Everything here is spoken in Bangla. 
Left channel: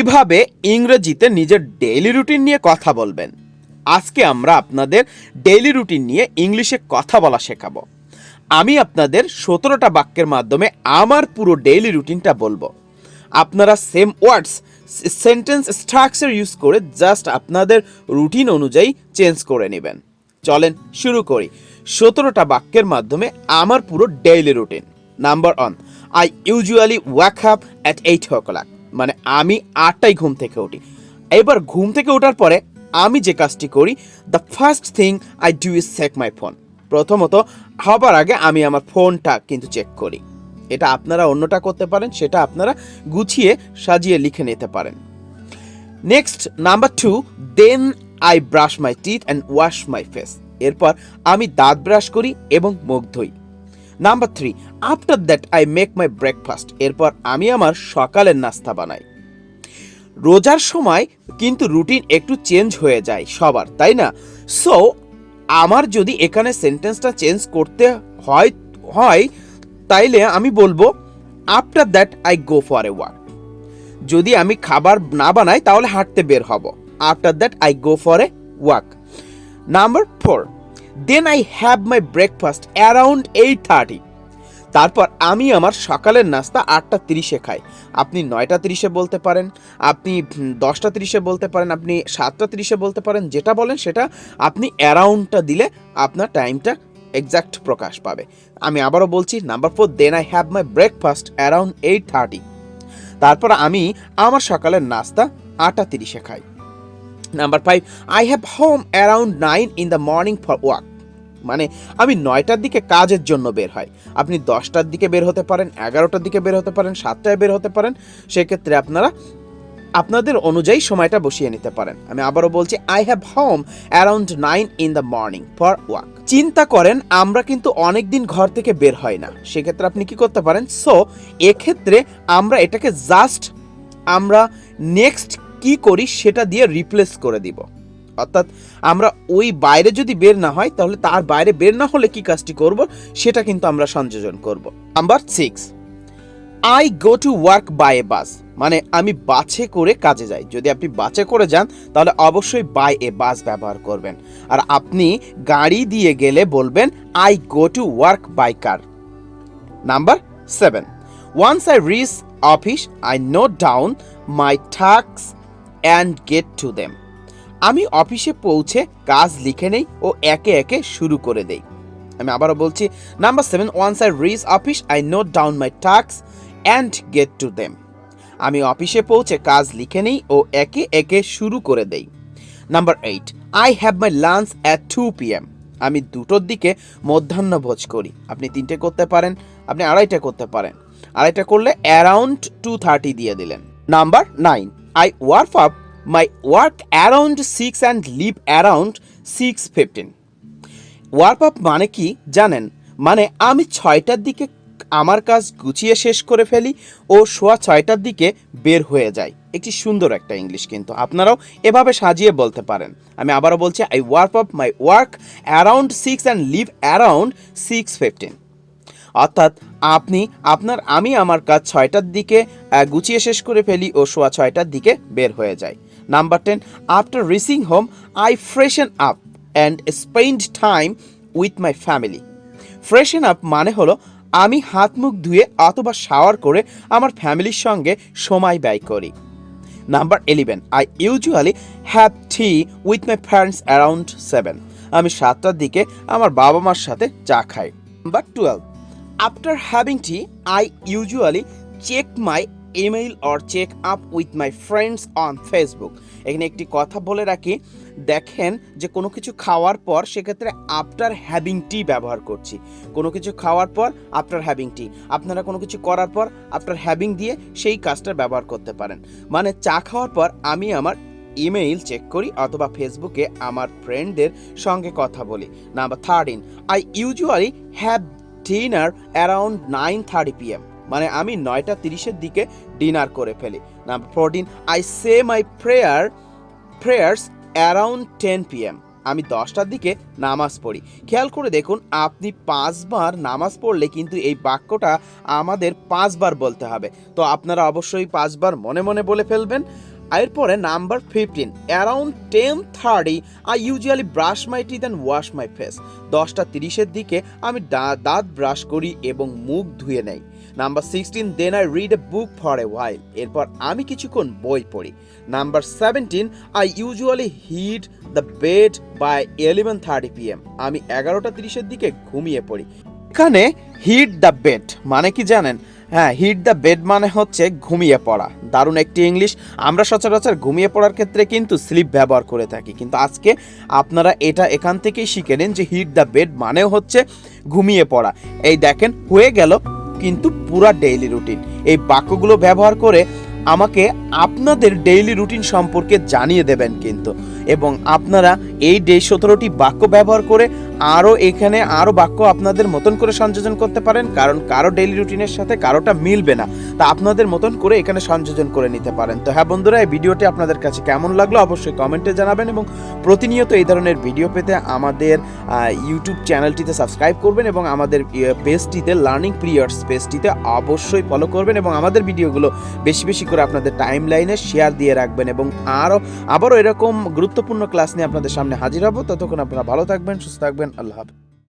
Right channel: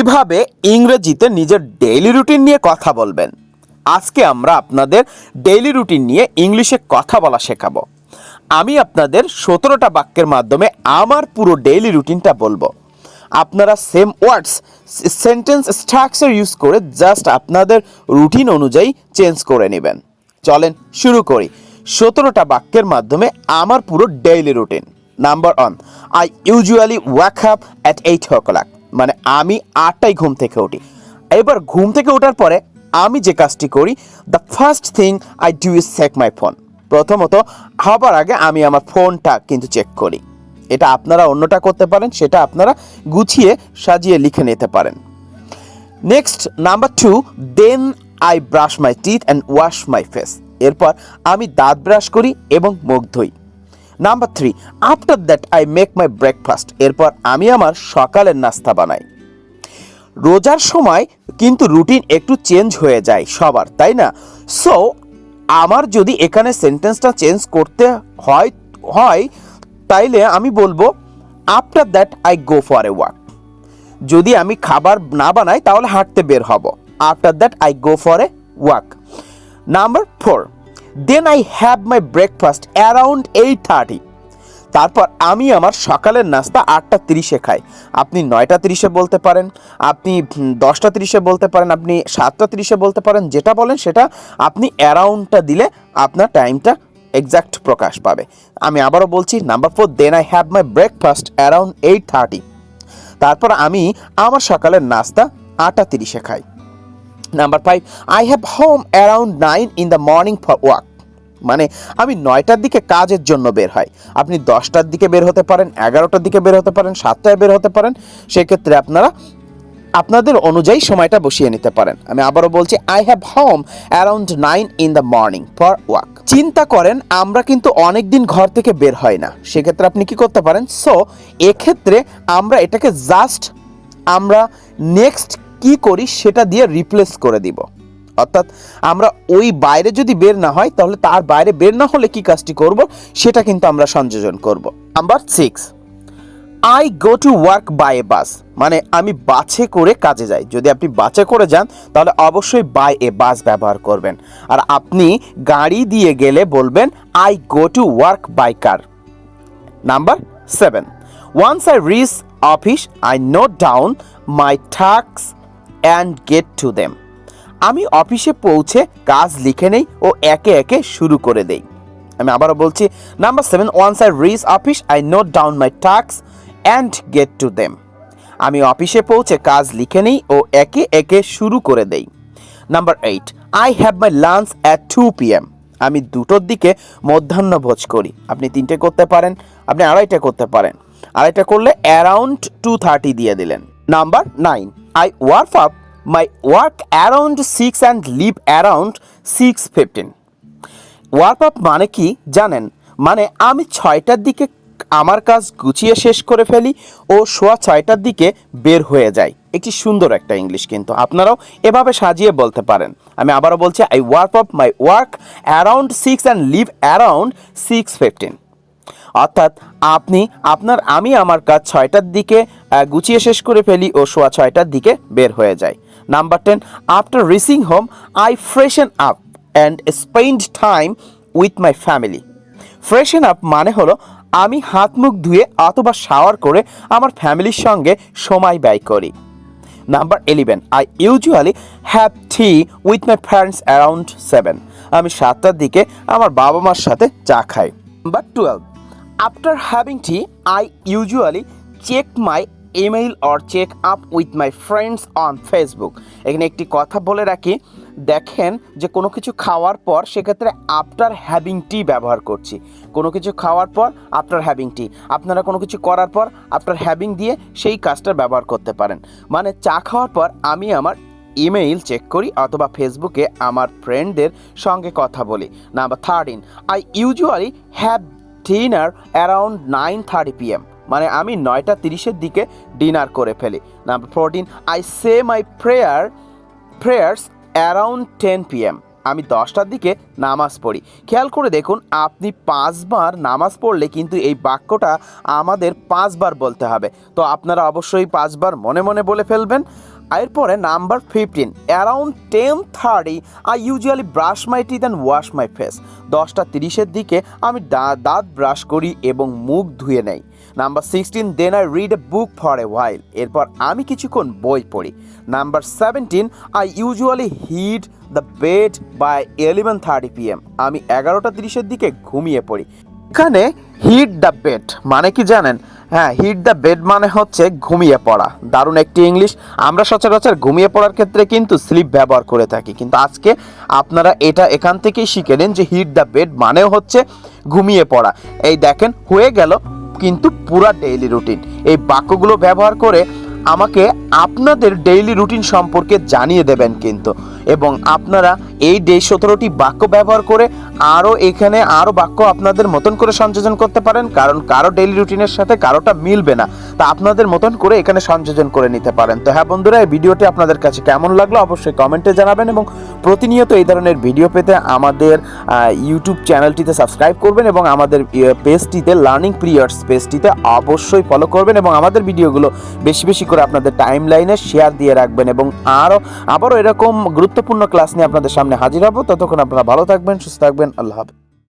কিভাবে ইংরেজিতে নিজের ডেইলি রুটিন নিয়ে কথা বলবেন। আজকে আমরা আপনাদের ডেইলি রুটিন নিয়ে ইংলিশে কথা বলা শেখাবো। আমি আপনাদের 17টা বাক্যের মাধ্যমে আমার পুরো ডেইলি রুটিনটা বলবো। আপনারা সেম ওয়ার্ডস সেন্টেন্স স্ট্রাকচার ইউজ করে জাস্ট আপনাদের রুটিন অনুযায়ী চেঞ্জ করে নেবেন। চলেন শুরু করি 17টা বাক্যের মাধ্যমে আমার পুরো daily routine. Number 1, I usually walk up at 8 o'clock, মানে আমি 8টায় ঘুম থেকে উঠি। এবার ঘুম থেকে ওঠার পরে আমি যে কাজটি করি, the first thing I do is check my phone. প্রথমত হবার আগে আমি আমার ফোনটা কিন্তু চেক করি। এটা আপনারা অন্যটা করতে পারেন, সেটা আপনারা গুছিয়ে সাজিয়ে লিখে নিতে পারেন। Next number 2, then I brush my teeth and wash my face. এরপর আমি দাঁত ব্রাশ করি এবং মুখ ধুই। Number 3, after that I make my breakfast. এরপর আমি আমার সকালের নাস্তা বানাই। রোজার সময় কিন্তু রুটিন একটু চেঞ্জ হয়ে যায় সবার, তাই না? সো আমার যদি এখানে সেন্টেন্সটা চেঞ্জ করতে হয় তাইলে আমি বলবো after that I go for a walk. যদি আমি খাবার না বানাই তাহলে হাঁটতে বের হব। After that I go for a walk. Number 4, then I have my breakfast around 8:30। তারপর আমি আমার সকালের নাস্তা 8:30-এ খাই। আপনি 9:30-এ বলতে পারেন, আপনি 10:30-এ বলতে পারেন, আপনি 7:30-এ বলতে পারেন। যেটা বলেন সেটা আপনি অ্যারাউন্ডটা দিলে আপনার টাইমটা এক্স্যাক্ট প্রকাশ পাবে। আমি আবারও বলছি, number 4, then I have my breakfast around 8:30। তারপর আমি আমার সকালের নাস্তা 8:30-এ খাই। Number 5, I have home around 9 in the morning for walk, মানে আমি 9টার দিকে কাজের জন্য বের হয়। আপনি 10টার দিকে বের হতে পারেন, 11টার দিকে বের হতে পারেন, 7টায় বের হতে পারেন। সেক্ষেত্রে আপনারা আপনাদের অনুযায়ী সময়টা বসিয়ে নিতে পারেন। আমি আবারও বলছি, I have home around 9 in the morning for walk. চিন্তা করেন আমরা কিন্তু অনেক দিন ঘর থেকে বের হয় না, সেক্ষেত্রে আপনি কি করতে পারেন? সো এক্ষেত্রে আমরা এটাকে জাস্ট আমরা নেক্সট কি করি সেটা দিয়ে রিপ্লেস করে দিব। অর্থাৎ আমরা ওই বাইরে যদি বের না হয় তাহলে তার বাইরে বের না হলে কি কাজটি করব সেটা কিন্তু আমরা সংযোজন করব। Number 6, I go to work by a bus, মানে আমি বাসে করে কাজে যাই। যদি আপনি বাসে করে যান তাহলে অবশ্যই বাই এ বাস ব্যবহার করবেন। আর আপনি গাড়ি দিয়ে গেলে বলবেন I go to work by car. Number 7, once I reach office I note down my tasks and get to them. আমি অফিসে পৌঁছে কাজ লিখে নেই ও একে একে শুরু করে দেই। আমি আবারও বলছি, number 7, once I reach office I note down my tasks and get to them. আমি অফিসে পৌঁছে কাজ লিখে নেই ও একে একে শুরু করে দেই। Number 8, I have my lunch at 2 PM। আমি 2টোর দিকে মধ্যাহ্নভোজ করি। আপনি 3টে করতে পারেন, আপনি 2:30 করতে পারেন। 2:30 করলে অ্যারাউন্ড 2:30 দিয়ে দিলেন। Number 9, I work up my work around 6 and leave around 6:15। Work up মানে কি জানেন? মানে আমি 6টার দিকে আমার কাজ গুছিয়ে শেষ করে ফেলি ও 6:15টার দিকে বের হয়ে যাই। একটি সুন্দর একটা ইংলিশ, কিন্তু আপনারাও এভাবে সাজিয়ে বলতে পারেন। আমি আবারও বলছি, I work up my work around 6 and leave around 6:15। অর্থাৎ আমি আমার কাজ 6টার দিকে গুছিয়ে শেষ করে ফেলি ও 6:15টার দিকে বের হয়ে যায়। Number 10, after reaching home I ফ্রেশন up and spend time with my family. ফ্রেশন up মানে হলো আমি হাত মুখ ধুয়ে অথবা শাওয়ার করে আমার ফ্যামিলির সঙ্গে সময় ব্যয় করি। Number 11, I usually have tea with my friends around 7। আমি 7টার দিকে আমার বাবা মার সাথে চা খাই। Number 12, after having tea I usually check my email or check up with my friends on Facebook. এখানে একটি কথা বলে রাখি, দেখেন যে কোনো কিছু খাওয়ার পর সেক্ষেত্রে আফটার হ্যাভিং টি ব্যবহার করছি। কোনো কিছু খাওয়ার পর আফটার হ্যাভিং টি, আপনারা কোনো কিছু করার পর আফটার হ্যাভিং দিয়ে সেই কাজটা ব্যবহার করতে পারেন। মানে চা খাওয়ার পর আমি আমার ইমেইল চেক করি অথবা ফেসবুকে আমার ফ্রেন্ডদের সঙ্গে কথা বলি। Number 13, I usually have dinner around 9:30 PM, মানে আমি 9:30-এর দিকে ডিনার করে ফেলি। Number 14, I say my prayers around 10 PM, আমি 10টার দিকে নামাজ পড়ি। খেয়াল করে দেখুন, আপনি 5বার নামাজ পড়লে কিন্তু এই বাক্যটা আমাদের 5বার বলতে হবে। তো আপনারা অবশ্যই 5বার মনে মনে বলে ফেলবেন। এরপরে number 15, around 10:30 I usually brush my teeth and wash my face. 10:30-এর দিকে আমি দাঁত ব্রাশ করি এবং মুখ ধুয়ে নেই। Number 16, then I read a book for a while. এরপর আমি কিছুক্ষণ বই পড়ি। Number 17, I usually hit the bed by 11:30 PM। আমি 11:30-এর দিকে ঘুমিয়ে পড়ি। এখানে হিট দ্য বেড মানে কি জানেন? হ্যাঁ, হিট দ্য বেড মানে হচ্ছে ঘুমিয়ে পড়া। দারুণ একটি ইংলিশ। আমরা সচরাচর ঘুমিয়ে পড়ার ক্ষেত্রে কিন্তু স্লিপ ব্যবহার করে থাকি, কিন্তু আজকে আপনারা এটা এখান থেকেই শিখে নিন যে হিট দ্য বেড মানেও হচ্ছে ঘুমিয়ে পড়া। এই দেখেন, হয়ে গেল কিন্তু পুরা ডেইলি রুটিন। এই বাক্যগুলো ব্যবহার করে আমাকে আপনাদের ডেইলি রুটিন সম্পর্কে জানিয়ে দেবেন কিন্তু, এবং আপনারা এই 17টি বাক্য ব্যবহার করে এখানে আরও বাক্য আপনাদের মতন করে সংযোজন করতে পারেন, কারণ কারো ডেইলি রুটিনের সাথে কারোটা মিলবে না, তা আপনাদের মতন করে এখানে সংযোজন করে নিতে পারেন। তো হ্যাঁ বন্ধুরা, এই ভিডিওটি আপনাদের কাছে কেমন লাগলো অবশ্যই কমেন্টে জানাবেন, এবং প্রতিনিয়ত এই ধরনের ভিডিও পেতে আমাদের ইউটিউব চ্যানেলটিতে সাবস্ক্রাইব করবেন, এবং আমাদের পেজটিতে লার্নিং পিরিয়ডস পেজটিতে অবশ্যই ফলো করবেন, এবং আমাদের ভিডিওগুলো বেশি বেশি করে আপনাদের টাইম লাইনে শেয়ার দিয়ে রাখবেন, এবং আবারও এরকম গুরুত্বপূর্ণ ক্লাস নিয়ে আপনাদের সামনে হাজির হব। ততক্ষণ আপনারা ভালো থাকবেন, সুস্থ থাকবেন। আল্লাহ হাফেজ।